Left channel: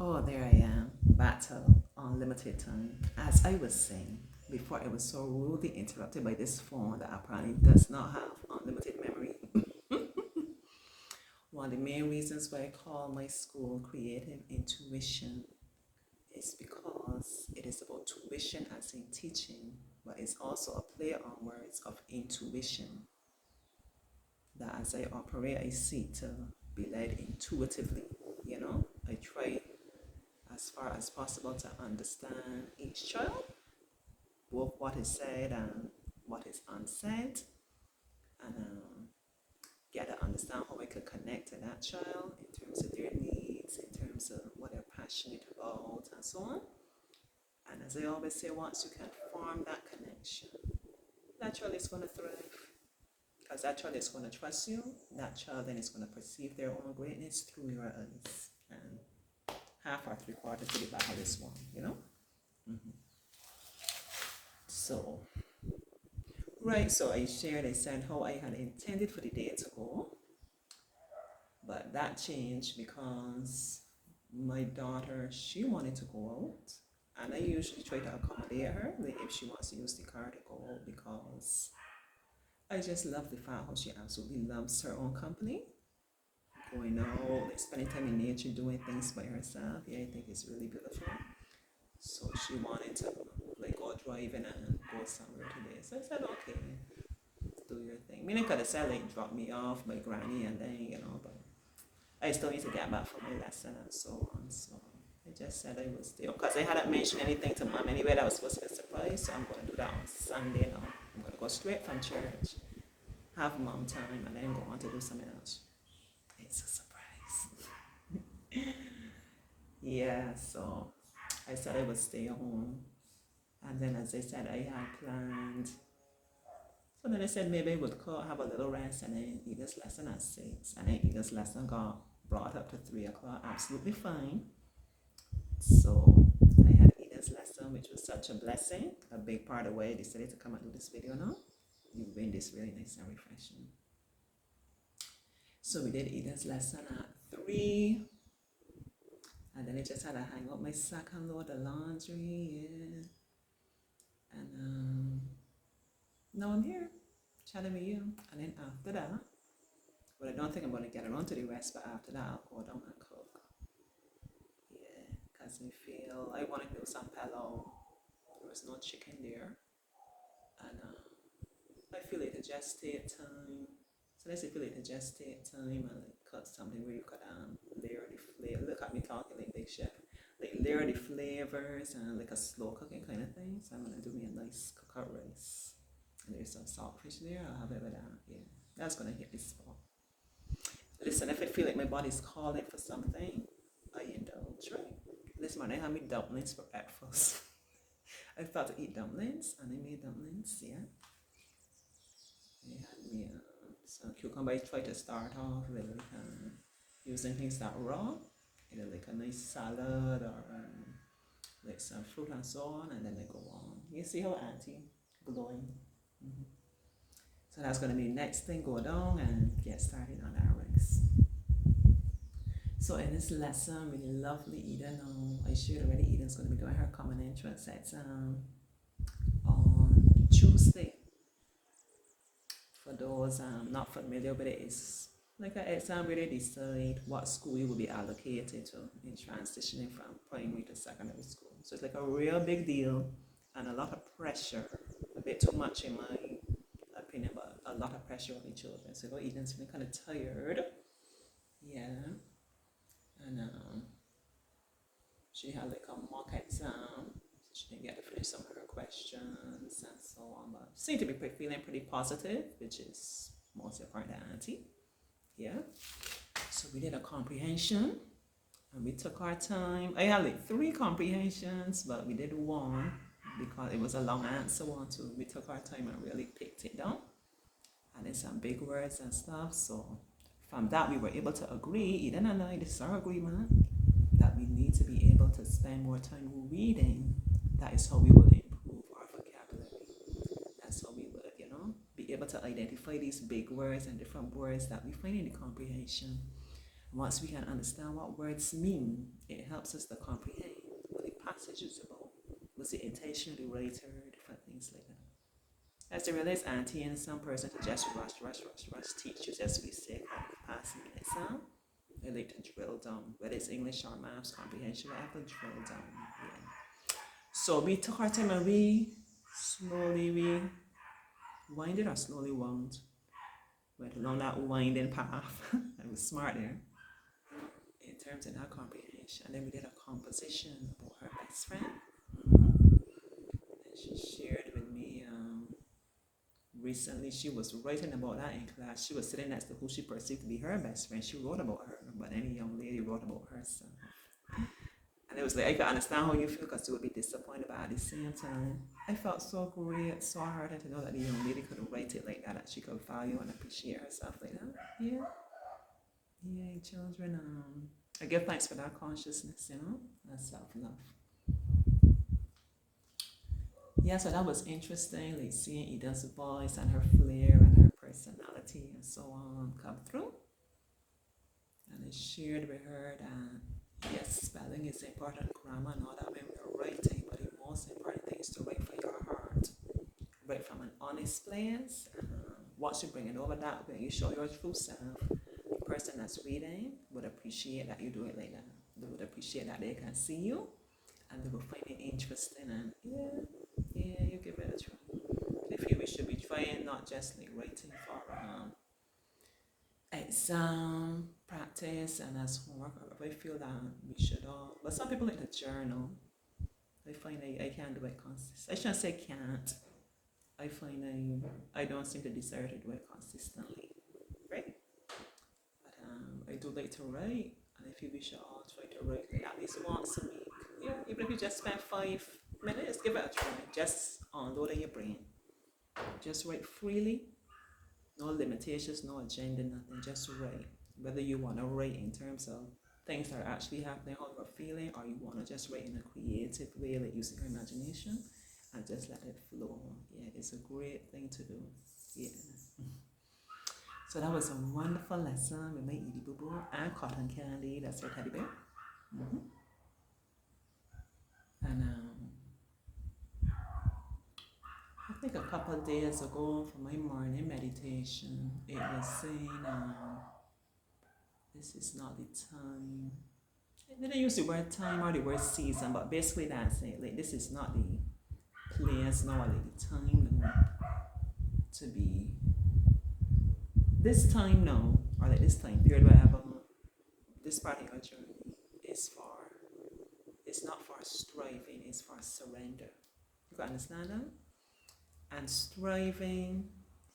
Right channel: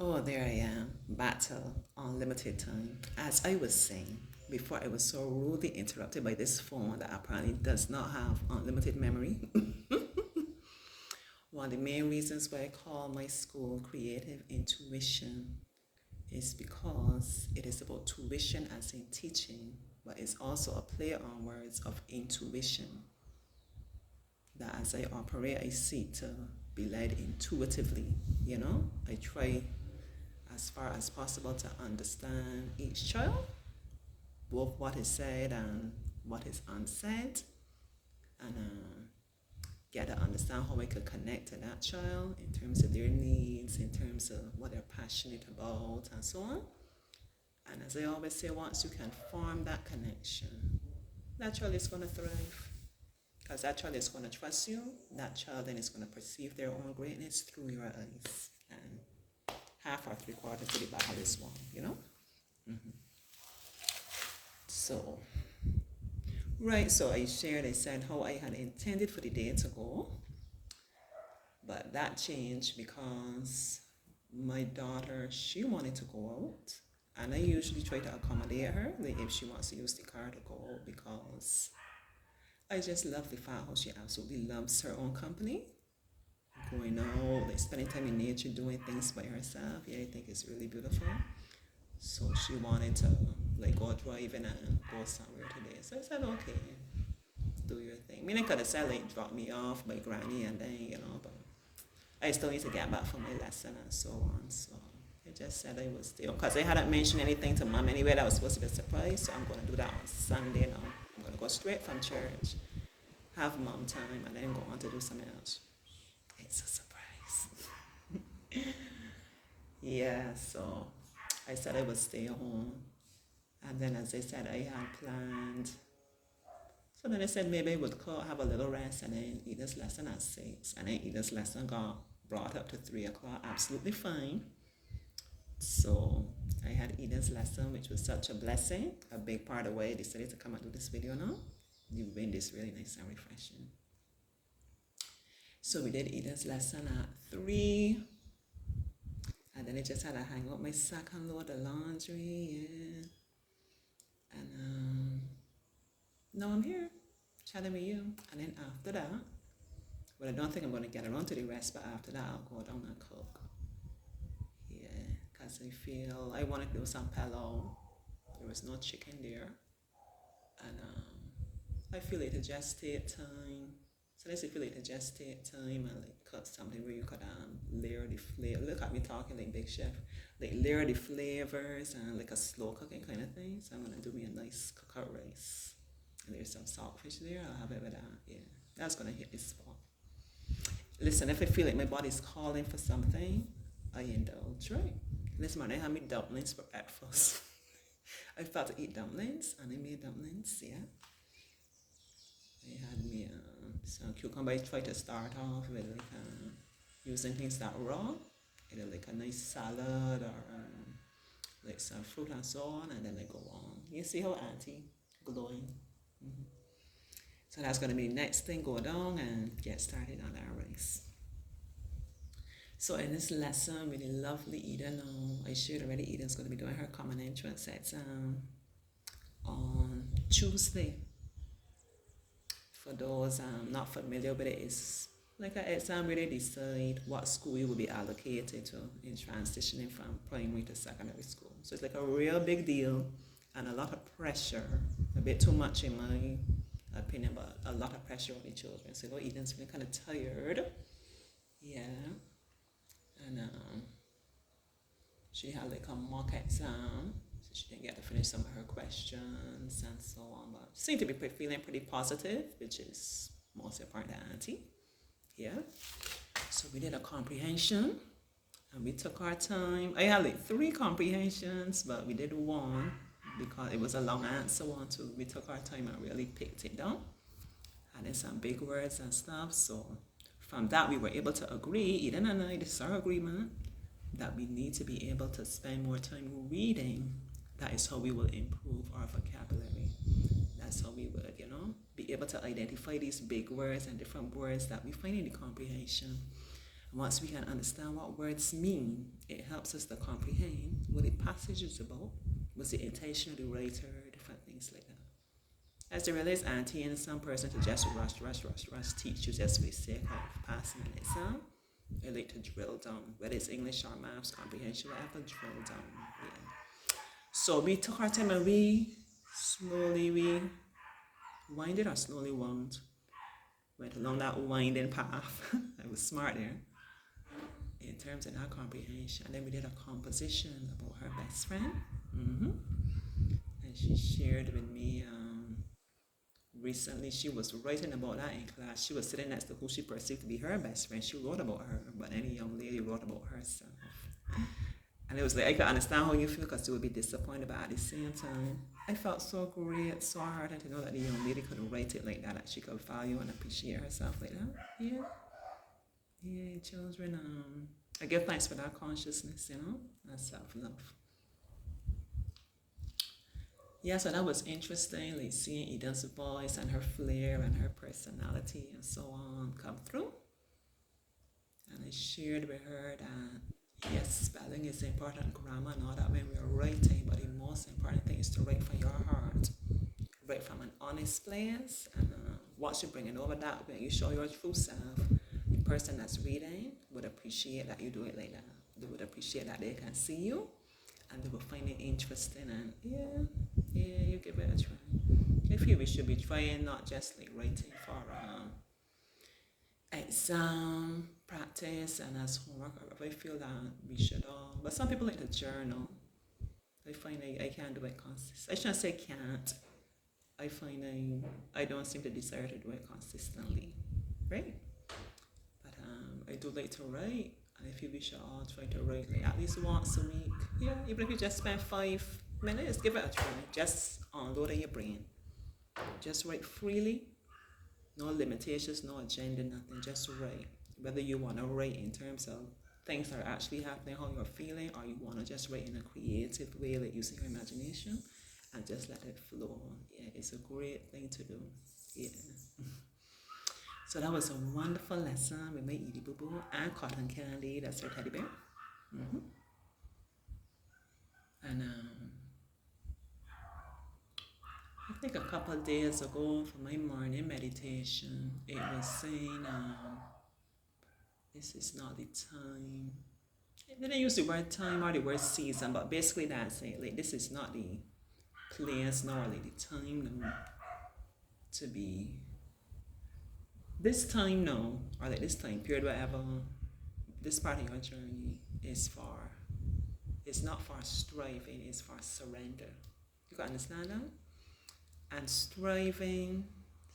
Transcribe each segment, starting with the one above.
Oh, there I am. Battle unlimited time. As I was saying before, I was so rudely interrupted by this phone that apparently does not have unlimited memory. One of the main reasons why I call my school Creative Intuition is because it is about tuition as in teaching, but it's also a play on words of intuition. That as I operate, I seek to be led intuitively. I try as far as possible to understand each child, both what is said and what is unsaid, and get to understand how I could connect to that child in terms of their needs, in terms of what they're passionate about, and so on. And as I always say, once you can form that connection, that child is going to thrive. Because that child is going to trust you, that child then is going to perceive their own greatness through your eyes. And half or three quarters to the battle is won. Mm-hmm. So, right, so I shared, I said how I had intended for the day to go, but that changed because my daughter, she wanted to go out, and I usually try to accommodate her, like if she wants to use the car to go out, because I just love the fact how she absolutely loves her own company, going out, like spending time in nature, doing things by herself. Yeah, I think it's really beautiful. So she wanted to like go driving and go somewhere today. So I said, okay, do your thing. Meaning could have said like drop me off by granny and then, but I still need to get back for my lesson and so on. So I just said I was there. Because I hadn't mentioned anything to mom anyway that was supposed to be a surprise. So I'm going to do that on Sunday now. I'm going to go straight from church, have mom time, and then go on to do something else. It's a surprise. Yeah, so I said I would stay home. And then, as I said, I had planned. So then I said maybe I would have a little rest and then eat this lesson at 6. And then eat this lesson got brought up to 3 o'clock. Absolutely fine. So I had Eden's lesson, which was such a blessing. A big part of why I decided to come and do this video now. The wind is really nice and refreshing. So we did Eden's lesson at 3. And then I just had to hang up my sack and load the laundry. Yeah. And now I'm here chatting with you. And then after that, well, I don't think I'm going to get around to the rest, but after that, I'll go down and cook. Yeah, because I feel I want to do some pillow. There was no chicken there. And I feel it to just take time. So let's feel it to just take time and like cut something where you could layer the flavor. Look at me talking like Big Chef. Like layer the flavors and like a slow cooking kind of thing. So I'm gonna do me a nice cookout rice. And there's some saltfish there. I'll have it with that. Yeah, that's gonna hit the spot. Listen, if I feel like my body's calling for something, I indulge, right? This morning I had me dumplings for breakfast. I thought to eat dumplings, and I made dumplings, yeah. I had me some cucumber. I tried to start off with like using things that raw, either like a nice salad or like some fruit and so on, and then I go on. You see how auntie glowing? Mm-hmm. So that's gonna be the next thing. Go down and get started on our rice. So in this lesson, really lovely Eden. I shared already. Eden's gonna be doing her common entrance exam on Tuesday. For those not familiar with it, it's like an exam where they decide what school you will be allocated to in transitioning from primary to secondary school. So it's like a real big deal and a lot of pressure, a bit too much in my opinion, but a lot of pressure on the children. So Eden's feeling kind of tired. Yeah. And she had like a mock exam. She didn't get to finish some of her questions and so on, but she seemed to be feeling pretty positive, which is most important to auntie. Yeah. So we did a comprehension and we took our time. I had like 3 comprehensions, but we did one because it was a long answer one too. We took our time and really picked it down. And then some big words and stuff. So from that, we were able to agree, Eden and I, this is our agreement, that we need to be able to spend more time reading. That is how we will improve our vocabulary. That's how we would, be able to identify these big words and different words that we find in the comprehension. And Once we can understand what words mean, it helps us to comprehend what the passage is about, what's the intention of the writer, different things like that. As they realize auntie and some person to just rush, teach you just for the sake of passing an exam. They like to drill down, whether it's English or maths, comprehension, whatever, drill down. Yeah. So we took our time and we winded or slowly wound. Went along that winding path. I was smart there in terms of that comprehension. And then we did a composition about her best friend. And she shared with me recently, she was writing about that in class. She was sitting next to who she perceived to be her best friend. She wrote about her, but any young lady wrote about herself. And it was like, I could understand how you feel because you would be disappointed, but at the same time, I felt so great, so heartened to know that the young lady could write it like that she could value and appreciate herself like that. Yeah, children, I give thanks for that consciousness, and self-love. Yeah, so that was interesting, like seeing Eden's voice and her flair and her personality and so on come through. And I shared with her that, yes, spelling is important, grammar and all that when we're writing, but the most important thing is to write from your heart. Write from an honest place, and once you bring it over that way, you show your true self, the person that's reading would appreciate that you do it like that. They would appreciate that they can see you, and they will find it interesting, and you give it a try. I feel we should be trying, not just like writing for exam practice and as homework. I feel that we should all, but some people like to journal. I find I can't do it consistently. I shouldn't say can't. I find I don't seem to desire to do it consistently, right? But I do like to write, and I feel we should all try to write like at least once a week. Yeah, even if you just spend 5 minutes, give it a try. Just unload in your brain. Just write freely. No limitations, no agenda, nothing. Just write. Whether you want to write in terms of things that are actually happening, how you're feeling, or you want to just write in a creative way, like using your imagination, and just let it flow. Yeah, it's a great thing to do. Yeah. So that was a wonderful lesson with my Edie Boo Boo and Cotton Candy. That's her teddy bear. And I think a couple of days ago for my morning meditation, it was saying, this is not the time. It didn't use the word time or the word season, but basically that's it. Like, this is not the place now, or like the time now to be. This time now, or like this time period, whatever, this part of your journey is for, it's not for striving, it's for surrender. You can understand that? And striving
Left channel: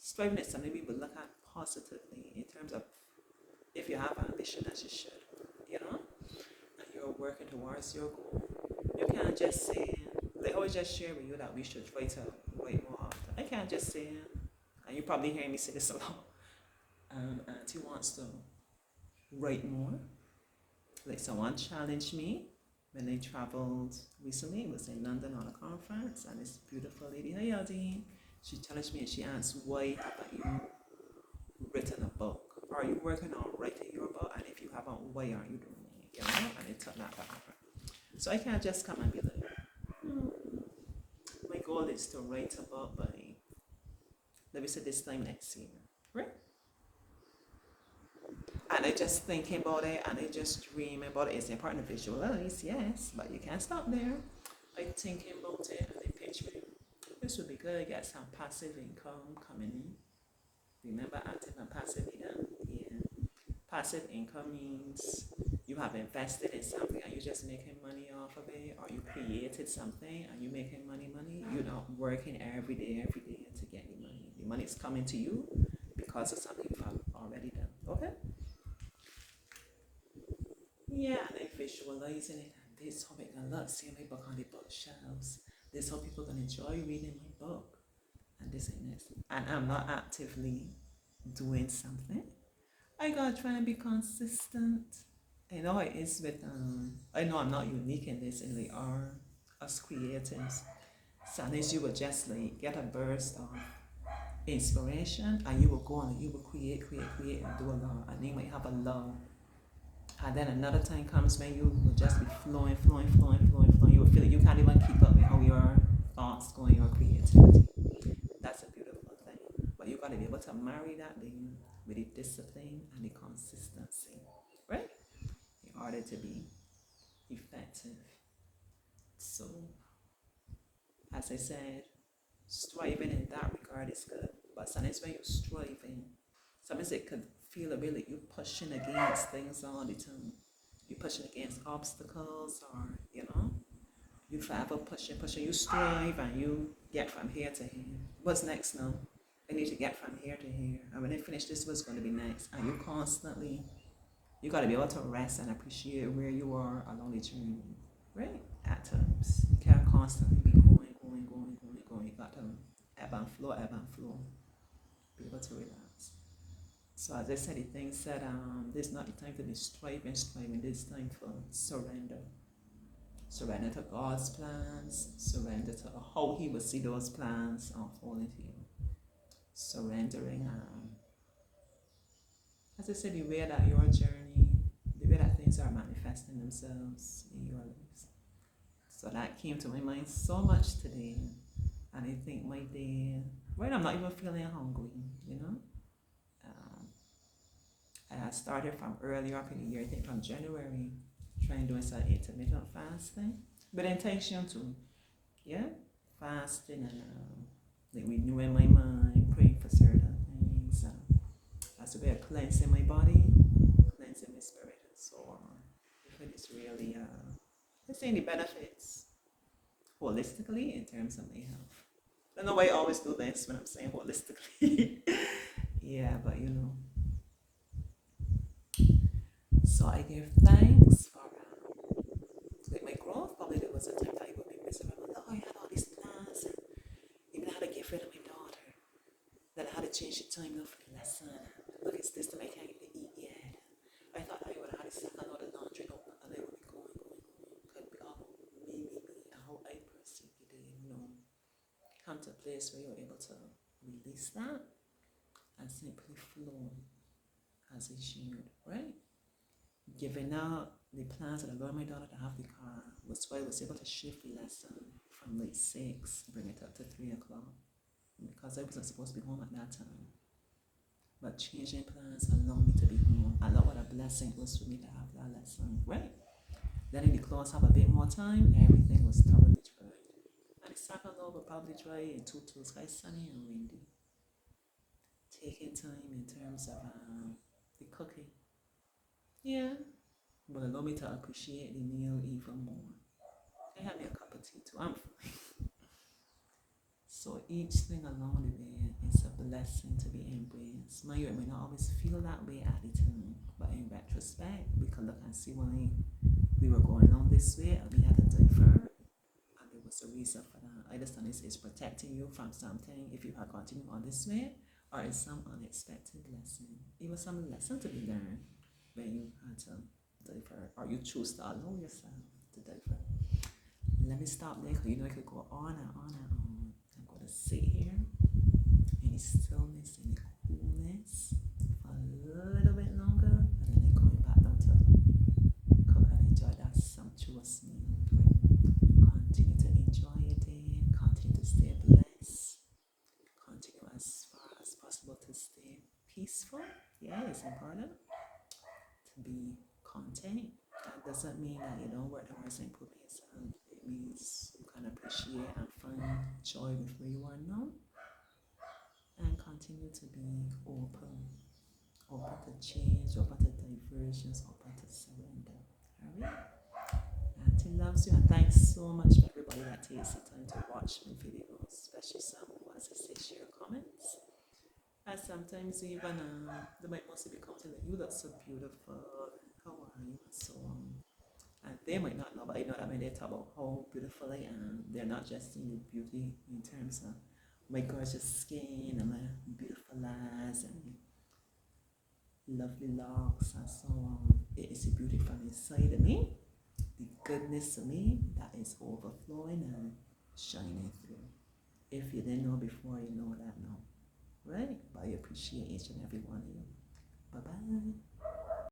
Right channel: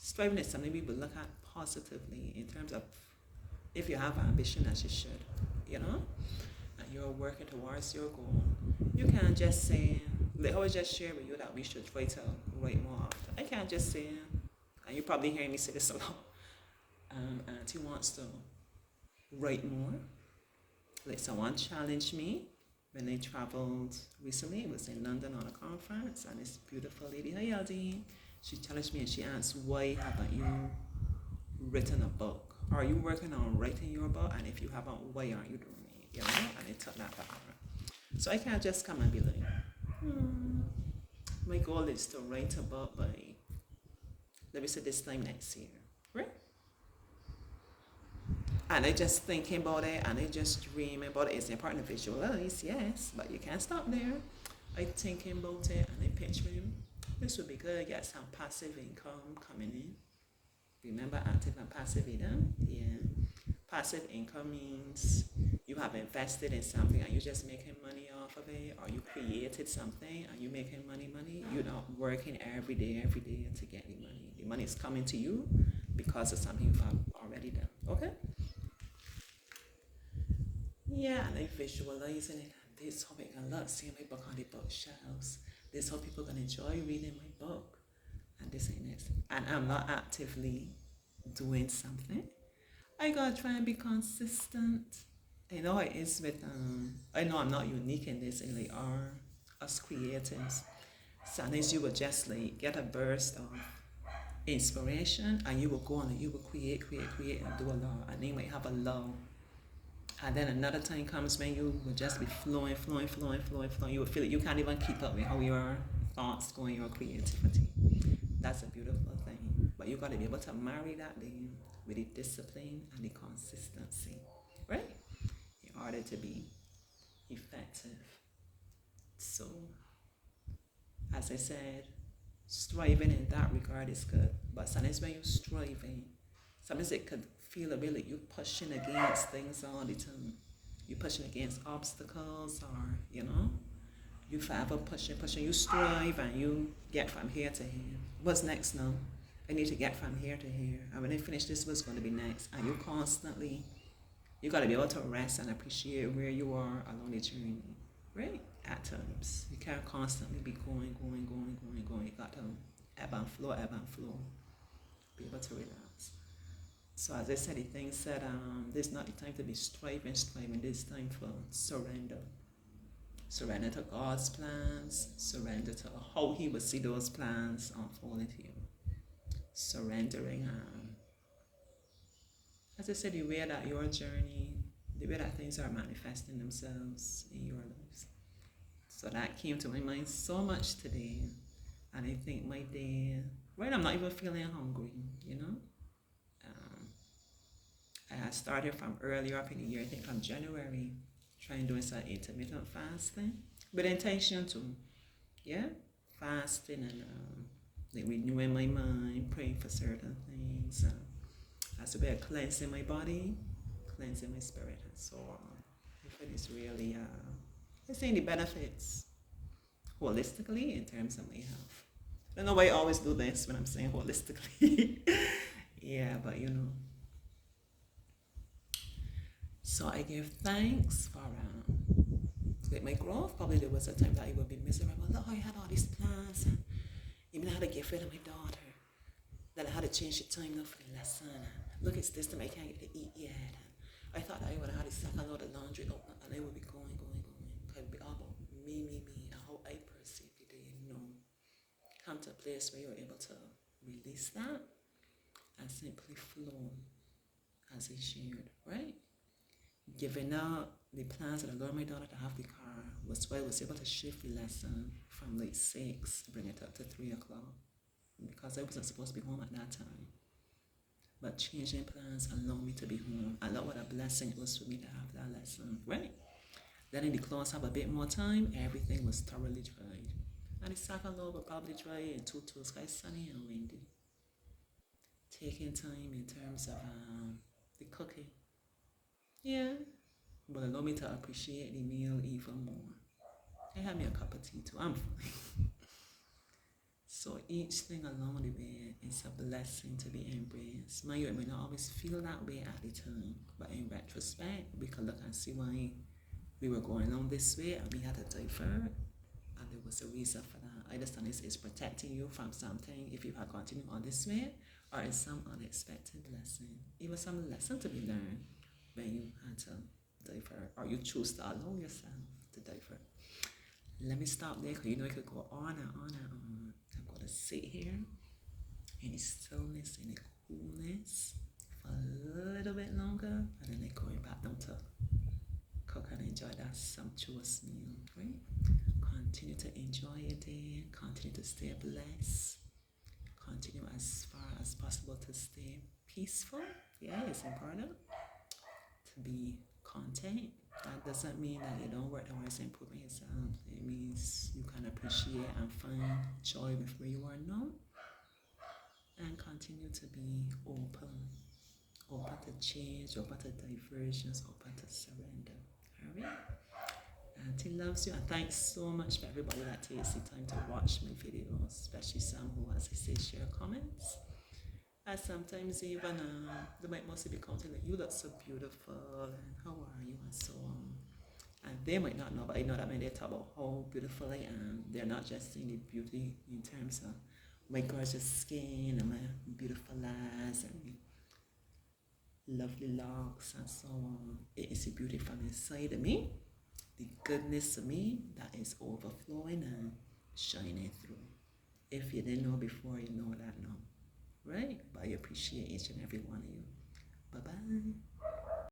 is something we will look at positively in terms of if you have ambition, as you should, and you're working towards your goal. You can't just say, like I always just share with you that we should try to write more often. I can't just say, and you're probably hearing me say this a lot, Auntie wants to write more. Like someone challenged me when I traveled recently. It was in London on a conference, and this beautiful lady, hi Aldine, she challenged me and she asked, why haven't you written a book? Are you working on writing your book? And if you haven't, why aren't you doing it? And it took that to heart. So I can't just come and be like, my goal is to write a book by, let me say this time next year, right? And I just thinking about it, and I just dreaming about it. It's important to visualize, yes, but you can't stop there. I thinking about it, and I picturing, this would be good, get some passive income coming in. Remember active and passive income? Yeah. Passive income means you have invested in something and you're just making money off of it, or you created something and you're making money. You're not working every day to get the money. The money is coming to you because of something you have already done. Okay? Yeah, and I'm visualizing it, and this is how I can look, seeing my book on the bookshelves. This is how people can enjoy reading my book. And this ain't it. And I'm not actively doing something. I gotta try and be consistent. I know it is with I know I'm not unique in this, and they are us creatives. Sometimes you will just like get a burst of inspiration, and you will go on and you will create and do a lot, and you might have a lull. And then another time comes when you will just be flowing, flowing, flowing, flowing, flowing. You will feel it. You can't even keep up with how your thoughts go and your creativity. That's a beautiful thing. But you got to be able to marry that then with the discipline and the consistency, right? In order to be effective. So, as I said, striving in that regard is good. But sometimes when you're striving, sometimes it could feel a bit like you're pushing against things all the time. You're pushing against obstacles, or, you forever pushing, you strive and you get from here to here. What's next now? I need to get from here to here. And when I finish this, what's going to be next? And you got to be able to rest and appreciate where you are along the journey, right? At times. You can't constantly be going. You got to ebb and flow. Be able to relax. So as I said, the thing said, this is not the time to be striving. This is time for surrender. Surrender to God's plans. Surrender to how He will see those plans unfolding to you. Surrendering, as I said, the way that your journey, the way that things are manifesting themselves in your lives. So that came to my mind so much today. And I think my day, right, I'm not even feeling hungry, I started from earlier up in the year, I think from January, trying doing some intermittent fasting, with intention to, fasting and like renewing my mind, praying for certain things, as a way of cleansing my body, cleansing my spirit, and so on. I find it's really, I'm seeing the benefits holistically in terms of my health. I don't know why I always do this when I'm saying holistically. Yeah, but So I give thanks for with my growth. Probably there was a time that I would be miserable. Oh, I had all these plans, and even I had to get rid of my daughter. Then I had to change the time now for the lesson. Look, it's this time I can't get to eat yet. I thought I would have had a second load of laundry and I would be going. Could be all about me, and how I perceive the day. Come to a place where you're able to release that and simply flow as I shared, right? Giving up the plans that I allowed my daughter to have the car was why I was able to shift the lesson from like 6, bring it up to 3 o'clock, because I wasn't supposed to be home at that time. But changing plans allowed me to be home. I know what a blessing it was for me to have that lesson, right? Letting the clothes have a bit more time, everything was thoroughly dried. And the second load will probably dry in 2 sky sunny and windy. Taking time in terms of the cooking. Yeah, but allow me to appreciate the meal even more. I had me a cup of tea too, I'm fine. So each thing along the way is a blessing to be embraced. Mind you, it may not always feel that way at the time, but in retrospect, we can look and see why we were going along this way and we had to divert, and there was a reason for that. I understand it's protecting you from something if you had continued on this way, or it's some unexpected lesson. It was some lesson to be learned when you had to divert, or you choose to allow yourself to divert. Let me stop there, because I could go on and on and on. I'm going to sit here in the stillness, in the coolness for a little bit longer, and then I'm going back down to cook and enjoy that sumptuous meal. Right? Continue to enjoy your day, continue to stay blessed, continue as far as possible to stay peaceful. Yeah, it's important to be content. That doesn't mean that you don't work towards improving yourself. It means you can appreciate and find joy with where you are now, and continue to be open to change, open to diversions, open to surrender. Alright? Auntie loves you, and thanks so much for everybody that takes the time to watch my videos, especially some who, as I say, share comments. And sometimes even they might mostly be commenting like, you look so beautiful, and how are you, and so on. And they might not know, but I know that when they talk about how beautiful I am, they're not just seeing the beauty in terms of my gorgeous skin and my beautiful eyes and lovely locks and so on. It is the beauty from inside of me, the goodness of me that is overflowing and shining through. If you didn't know before, you know that now. Right? But I appreciate each and every one of you. Bye-bye.